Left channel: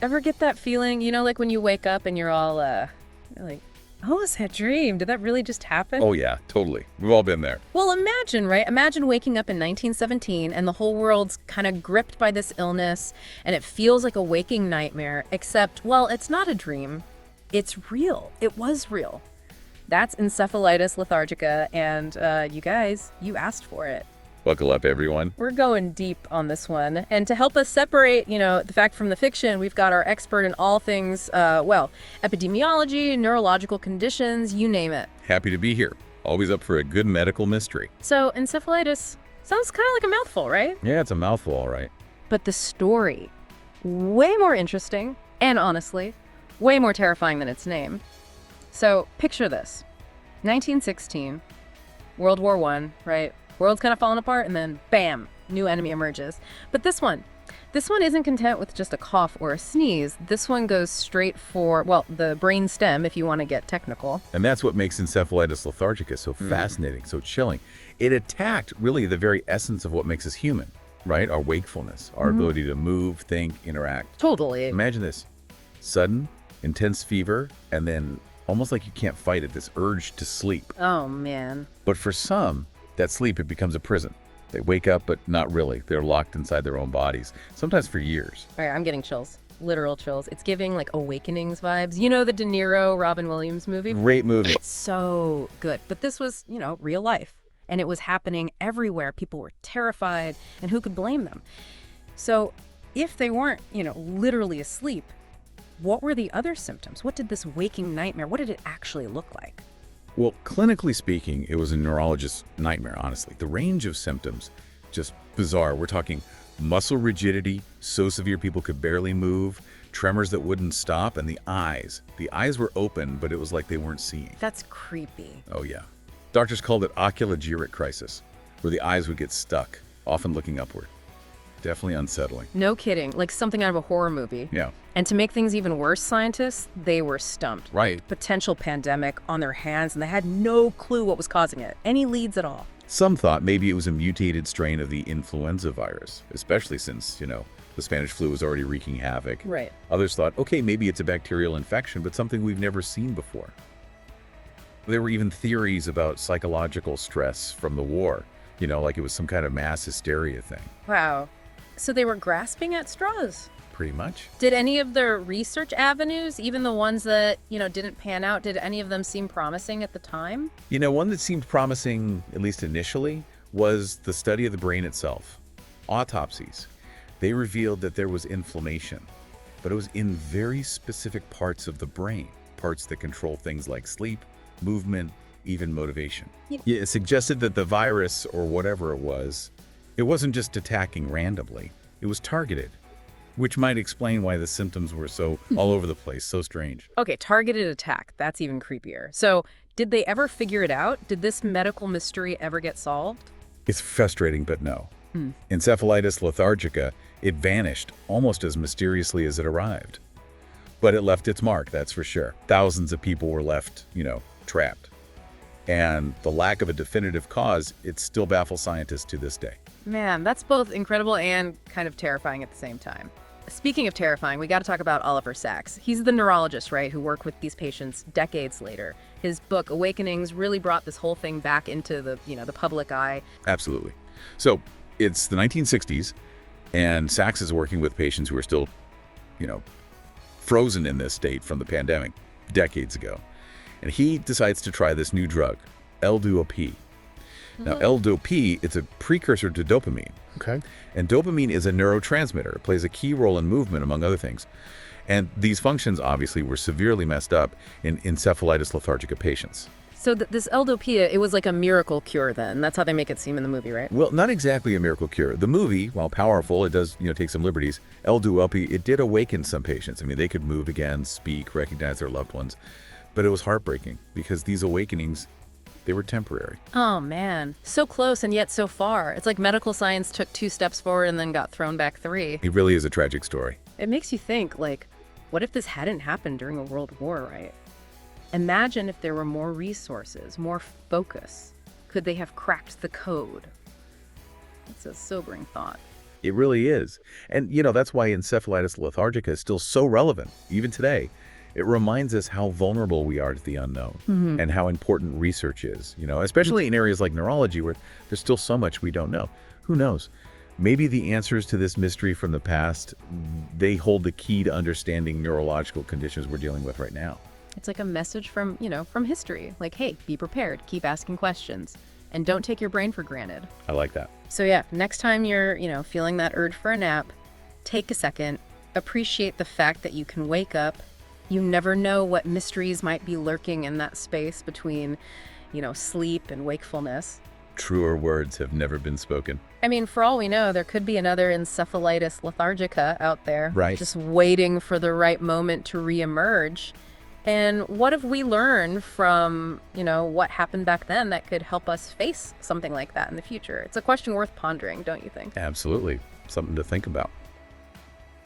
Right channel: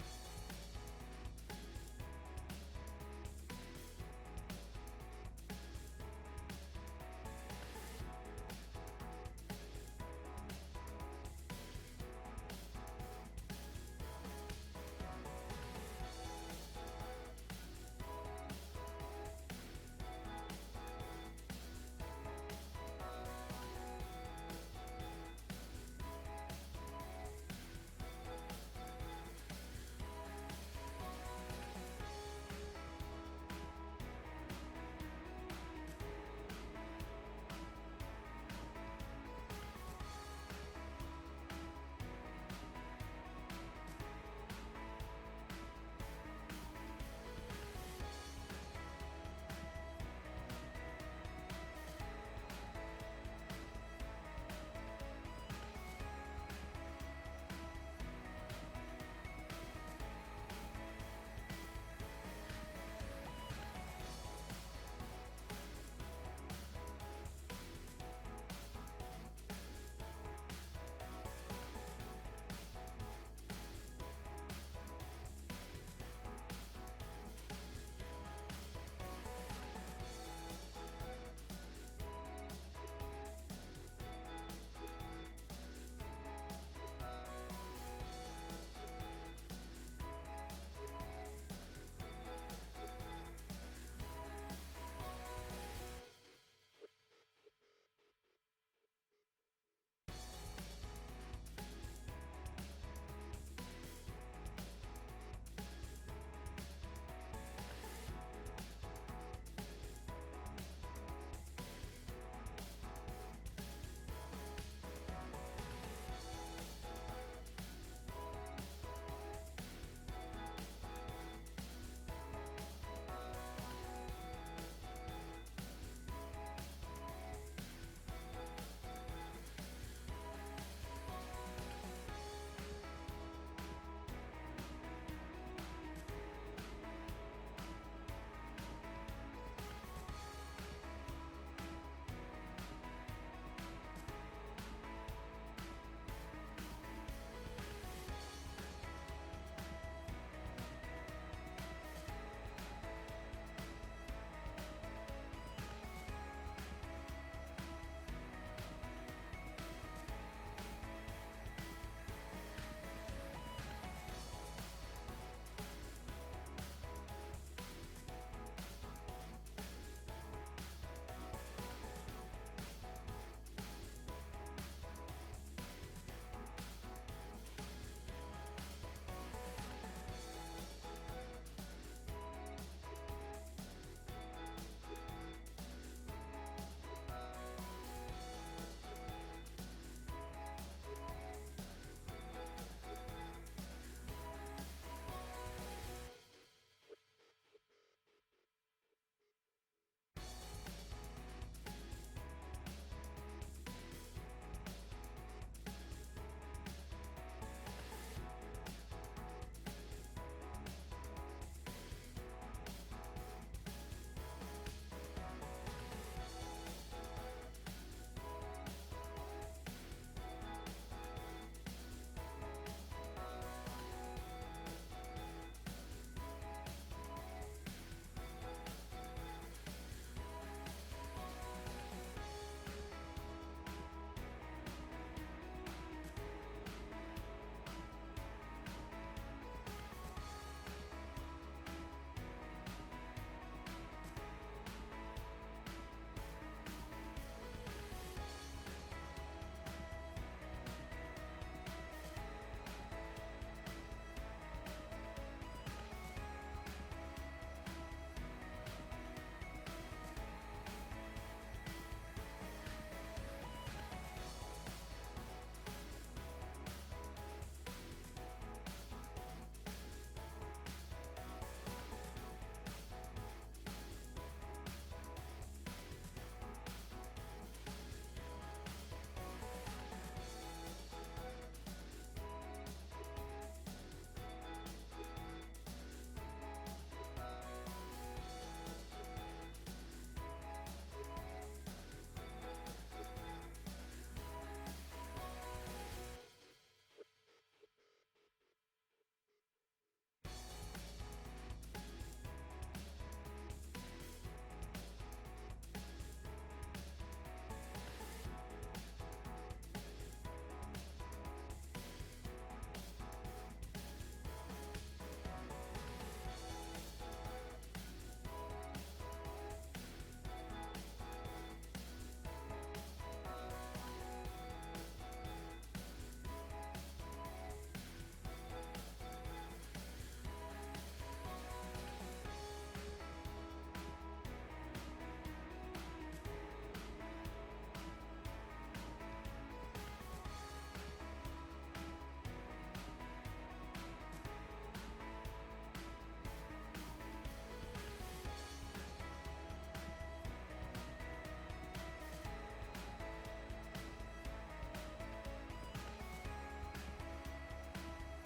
Ever get that feeling, like when you wake up and you're like, oh, was that a dream? Did that really just happen? Oh, yeah, totally. We've all been there. Well, imagine, right? Imagine waking up in 1917 and the whole world's kind of gripped by this illness and it feels like a waking nightmare, except, well, it's not a dream. It's real. It was real. That's encephalitis lethargica, and you guys, you asked for it. Buckle up, everyone. We're going deep on this one. And to help us separate, the fact from the fiction, we've got our expert in all things, epidemiology, neurological conditions, you name it. Happy to be here. Always up for a good medical mystery. So, encephalitis sounds kind of like a mouthful, right? Yeah, it's a mouthful, all right. But the story, way more interesting, and honestly, way more terrifying than its name. So, picture this. 1916, World War I, right? World's kind of falling apart, and then bam, new enemy emerges. But this one isn't content with just a cough or a sneeze. This one goes straight for, well, the brain stem, if you want to get technical. And that's what makes encephalitis lethargica so fascinating, so chilling. It attacked really the very essence of what makes us human, right? Our wakefulness, our ability to move, think, interact. Totally. Imagine this. Sudden, intense fever, and then almost like you can't fight it, this urge to sleep. Oh, man. But for some, that sleep, it becomes a prison. They wake up, but not really. They're locked inside their own bodies, sometimes for years. All right, I'm getting chills. Literal chills. It's giving, like, Awakenings vibes. You know the De Niro, Robin Williams movie? Great movie. So good. But this was, real life. And it was happening everywhere. People were terrified, and who could blame them? So if they weren't, literally asleep, what were the other symptoms? What did this waking nightmare, what did it actually look like? Well, clinically speaking, it was a neurologist's nightmare, honestly. The range of symptoms, just bizarre. We're talking muscle rigidity, so severe people could barely move, tremors that wouldn't stop, and the eyes. The eyes were open, but it was like they weren't seeing. That's creepy. Oh, yeah. Doctors called it oculogeric crisis, where the eyes would get stuck, often looking upward. Definitely unsettling. No kidding. Like something out of a horror movie. Yeah. And to make things even worse, scientists, they were stumped. Right. Potential pandemic on their hands, and they had no clue what was causing it. Any leads at all. Some thought maybe it was a mutated strain of the influenza virus, especially since, the Spanish flu was already wreaking havoc. Right. Others thought, okay, maybe it's a bacterial infection, but something we've never seen before. There were even theories about psychological stress from the war, like it was some kind of mass hysteria thing. Wow. So they were grasping at straws. Pretty much. Did any of their research avenues, even the ones that, didn't pan out, did any of them seem promising at the time? One that seemed promising, at least initially, was the study of the brain itself. Autopsies. They revealed that there was inflammation, but it was in very specific parts of the brain, parts that control things like sleep, movement, even motivation. Yeah, it suggested that the virus, or whatever it wasn't just attacking randomly, it was targeted, which might explain why the symptoms were so all over the place, so strange. Okay, targeted attack. That's even creepier. So did they ever figure it out? Did this medical mystery ever get solved? It's frustrating, but no. Encephalitis lethargica, it vanished almost as mysteriously as it arrived. But it left its mark, that's for sure. Thousands of people were left, trapped. And the lack of a definitive cause, it still baffles scientists to this day. Man, that's both incredible and kind of terrifying at the same time. Speaking of terrifying, we got to talk about Oliver Sacks. He's the neurologist, right, who worked with these patients decades later. His book, Awakenings, really brought this whole thing back into the public eye. Absolutely. So it's the 1960s, and Sacks is working with patients who are still, frozen in this state from the pandemic decades ago. And he decides to try this new drug, L-DOP. Now, L-DOP, it's a precursor to dopamine. Okay. And dopamine is a neurotransmitter. It plays a key role in movement, among other things. And these functions, obviously, were severely messed up in encephalitis lethargica patients. So this L-DOP, it was like a miracle cure then. That's how they make it seem in the movie, right? Well, not exactly a miracle cure. The movie, while powerful, it does, take some liberties. L-DOP, it did awaken some patients. I mean, they could move again, speak, recognize their loved ones. But it was heartbreaking because these awakenings, they were temporary. Oh, man. So close and yet so far. It's like medical science took 2 steps forward and then got thrown back 3. It really is a tragic story. It makes you think, what if this hadn't happened during a world war, right? Imagine if there were more resources, more focus. Could they have cracked the code? It's a sobering thought. It really is. And, that's why encephalitis lethargica is still so relevant, even today. It reminds us how vulnerable we are to the unknown and how important research is, especially in areas like neurology where there's still so much we don't know. Who knows? Maybe the answers to this mystery from the past, they hold the key to understanding neurological conditions we're dealing with right now. It's like a message from, from history. Like, hey, be prepared, keep asking questions, and don't take your brain for granted. I like that. So yeah, next time you're, feeling that urge for a nap, take a second, appreciate the fact that you can wake up. You never know what mysteries might be lurking in that space between, sleep and wakefulness. Truer words have never been spoken. I mean, for all we know, there could be another encephalitis lethargica out there. Right. Just waiting for the right moment to reemerge. And what have we learned from, what happened back then that could help us face something like that in the future? It's a question worth pondering, don't you think? Absolutely. Something to think about.